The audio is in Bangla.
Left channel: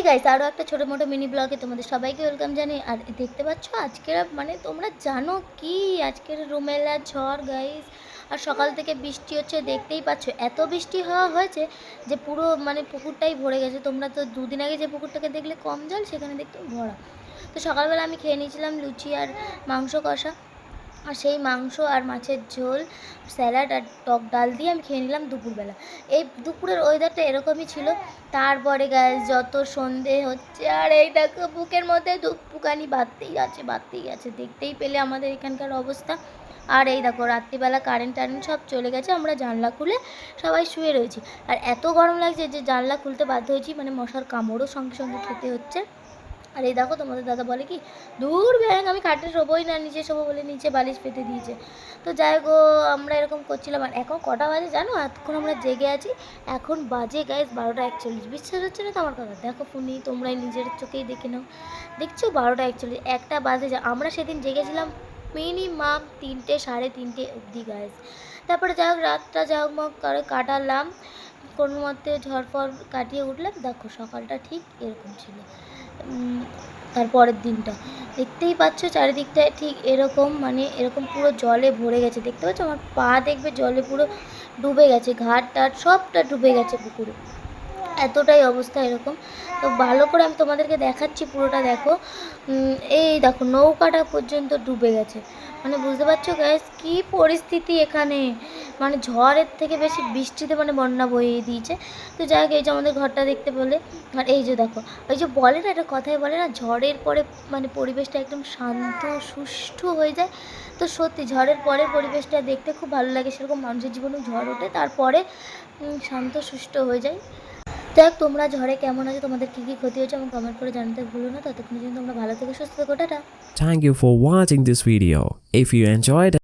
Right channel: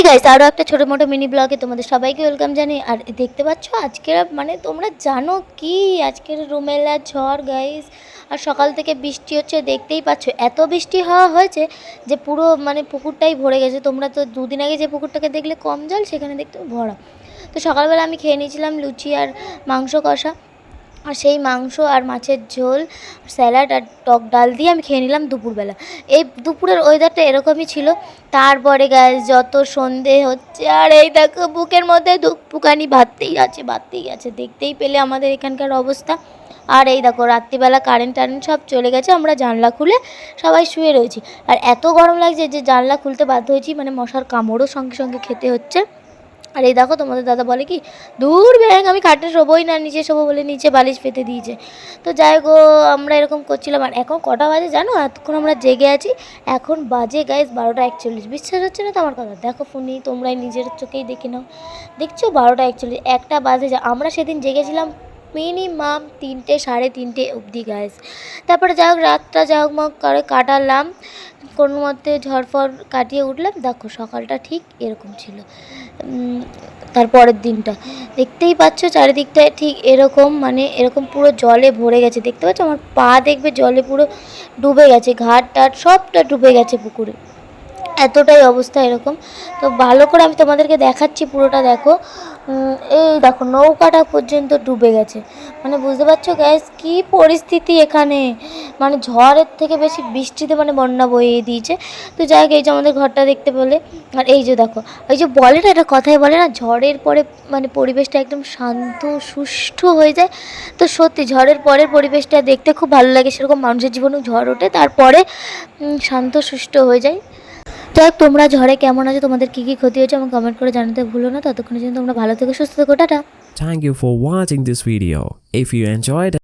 হেই গাইস, আরও একটা ছোটো মোটো মিনি ব্লগে তোমাদের সবাইকে ওয়েলকাম জানি। আর দেখতে পাচ্ছ আজকের মানে তোমরা জানো কি আজকের রুমেলা ঝড় গাইস। আর সকাল থেকে বৃষ্টি হচ্ছে, দেখতেই পাচ্ছ এত বৃষ্টি হওয়া হয়েছে যে পুরো মানে পুকুরটাই ভরে গেছে। তোমরা তো দুদিন আগে যে পুকুরটাকে দেখলে কম জল, সেখানে দেখতে ভরা। তো সকালবেলা আমি খেয়ে নিয়েছিলাম লুচি আর মাংস কষা, আর সেই মাংস আর মাছের ঝোল, স্যালাড আর টক ডাল দিয়ে আমি খেয়ে নিলাম দুপুরবেলা। এই দুপুরের ওয়েদারটা এরকমই ছিল। তারপরে গ্যাস যত সন্ধে হচ্ছে, আর এই দেখো বুকের মধ্যে ধুকপুকানি বাড়তেই আছে, দেখতেই পেলে আমাদের এখানকার অবস্থা। আর এই দেখো রাত্রিবেলা কারেন্ট সব চলে গেছে, আমরা জানলা খুলে সবাই শুয়ে রয়েছি। আর এত গরম লাগছে যে জানলা খুলতে বাধ্য হয়েছি, মানে মশার কামড়ও সঙ্গে সঙ্গে খেতে হচ্ছে। আর এই দেখো তোমাদের দাদা বলে কি, দূর ব্যাং আমি খাটে শোবোই না, নিচে শোবো বলে নিচে বালিশ পেতে দিয়েছে। তো যাই গো, আমরা এরকম করছিলাম। আর এখন কটা বাজে জানো? এতক্ষণ আমরা জেগে আছি, এখন বাজে গাইজ 12:41। বিশ্বাস হচ্ছে না তো আমার কথা? দেখো ফোনে, তোমরাই নিজের চোখেই দেখে নাও। দেখছো 12:41, একটা বাজে আমরা সেদিন জেগেছিলাম মিনিমাম 3টে 3:30 অবধি গাইজ। তারপরে যাই হোক রাতটা যাই হোক করে কাটালাম, কোনো মতে ঝড়ফড় কাটিয়ে উঠলাম। দেখো সকালটা ঠিক এরকম ছিল। তারপরের দিনটা দেখতেই পাচ্ছ চারিদিকটায় ঠিক এরকম, মানে এরকম পুরো জলে ভরে গেছে। দেখতে পাচ্ছ আমার পা, দেখবে জলে পুরো ডুবে গেছে, ঘাট টাট সবটা ডুবে গেছে পুকুরে, এতটাই অবস্থা এরকম। তো ভালো করে আমি তোমাদেরকে দেখাচ্ছি, পুরোটা দেখো। এই দেখো নৌকাটা পর্যন্ত ডুবে গেছে, মানে বুঝতে পারছো গ্যাস কী পরিস্থিতি এখানে। মানে ঝড়ের থেকে বেশি বৃষ্টিতে মানে বন্যা বইয়ে দিয়েছে। তো যাই হোক, এই যে আমাদের ঘরটা দেখতে পেলে। আর এই যে দেখো, ওই যে বলে না, এটা কথাই বলে না, ঝড়ের পরে মানে পরিবেশটা একদম শান্ত সুষ্ঠু হয়ে যায়। তো সত্যি ঝড়ের পরের পরিবেশটা দেখতে খুব ভালো লাগে। সেরকম মানুষের জীবনেও ঝড় ওঠে, তারপরে শান্ত সুষ্ঠু হয়ে যায়। যাই হোক, তোমরা ঝড়ে কেমন আছো, তোমাদের কী কী ক্ষতি হয়েছে আমাকে কমেন্ট করে জানাতে ভুলো না। ততক্ষণের জন্য তোমরা ভালো থেকো, সুস্থ থেকো, tata. Thank you for watching this video. If you enjoyed